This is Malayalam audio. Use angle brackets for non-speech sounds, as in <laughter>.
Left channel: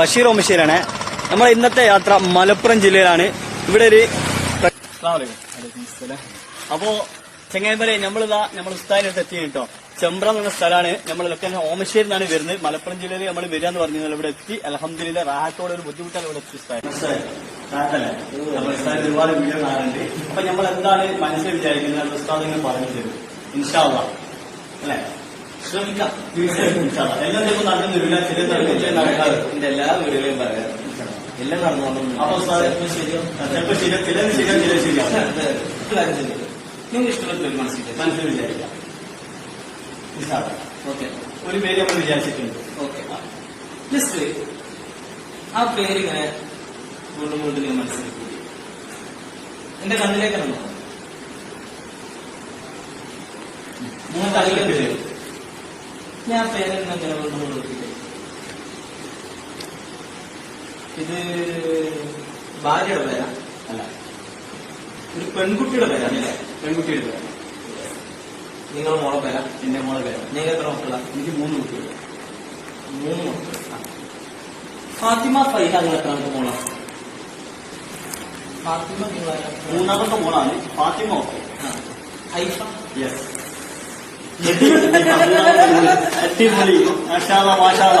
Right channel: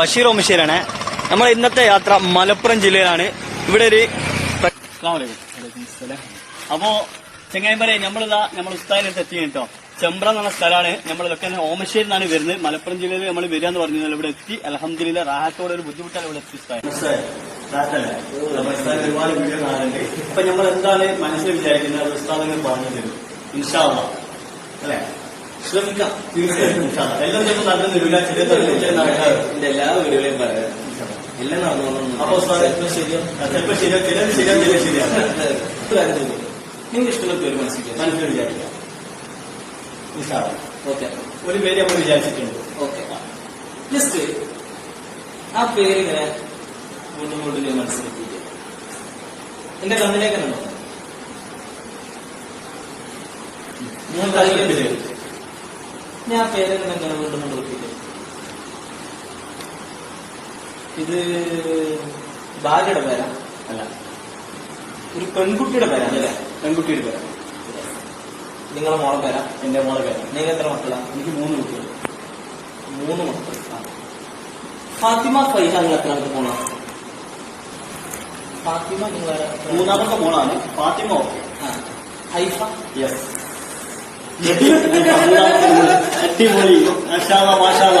ബഷീർ ഓമശ്ശേരിയാണ് നമ്മൾ ഇന്നത്തെ യാത്ര മലപ്പുറം ജില്ലയിലാണ്. ഇവിടെ ഒരു. അപ്പോ ചെങ്ങായിമാരെ നമ്മളിതാ നമ്മൾ ഉസ്താദിനടുത്ത് എത്തി കേട്ടോ. ചെമ്പ്രം എന്ന സ്ഥലമാണ്. നമ്മൾ ലൊക്കേഷൻ ഓമശ്ശേരി നിന്നാണ് വരുന്നത്. മലപ്പുറം ജില്ലയിൽ നമ്മൾ വരിക എന്ന് പറഞ്ഞു ഇവിടെ എത്തി. അലഹമ്മദില്ല റാഹത്തോടെ ഒരു ബുദ്ധിമുട്ടാണ് ഇവിടെ എത്തി. ഇപ്പൊ ഒരുപാട് വീഡിയോ കാണാനുണ്ട്. അപ്പൊ നമ്മൾ എന്താണ് മനസ്സിൽ വിചാരിക്കുന്നത്? ഉസ്താദിനെ ഉസ്താദിന് പറഞ്ഞു തരും ഇൻഷാള്ള അല്ലേ? ശ്രമിക്കാം. തീർച്ചയായിട്ടും. എല്ലാം ചിലപ്പോൾ നടക്കുന്നില്ല ചില എല്ലാ വീടുകളും പറയാം. എല്ലാം നടന്നു അപ്പൊ ശരിയാ ചിലപ്പോൾ ശരിയാ ചില ശരിയാണ് ചില ശരിയാണ് നിങ്ങൾക്ക് ഇഷ്ടമുള്ള പേര് മനസ്സിലാക്കാം. മനസ്സിൽ വിചാരിക്കാം ഇൻഷാല്ലാ. ഓക്കെ. ഒരു പേര് നമ്മൾ വിചാരിച്ചിട്ടുണ്ട്. ഓക്കെ ജസ്റ്റ് ആ പേര് ഇങ്ങനെ വീണ്ടും വീണ്ടും ഞാൻ മനസ്സിലാക്കി എന്റെ കണ്ണിലേക്കാണ് മൂന്ന് കളിക്കേണ്ടി പേര്. ഞാൻ ആ പേര് ഇങ്ങനെ വീണ്ടും വീണ്ടും ഇത് ഭാര്യയുടെ പേരാ അല്ല. ഒരു പെൺകുട്ടിയുടെ പേരാണ് അല്ലേ? പെൺകുട്ടിയുടെ പേര്. നിങ്ങളുടെ മോളെ പേരാ? എന്റെ മോളെ പേരാ. നിങ്ങൾ എത്ര മക്കളാണ് എനിക്ക് മൂന്ന് കുട്ടികൾ മൂന്ന് മക്കൾ ഫാത്തിമ ഫൈഹ എത്ര എത്രാമത്തെ മോളാണ് ഫാത്തിമ നിങ്ങൾ മൂന്നാമത്തെ മോളാണ് ഫാത്തിമ. ഓക്കെ ആ. ഹൈഫ <laughs> భక్తి గురి మషాల మాషాల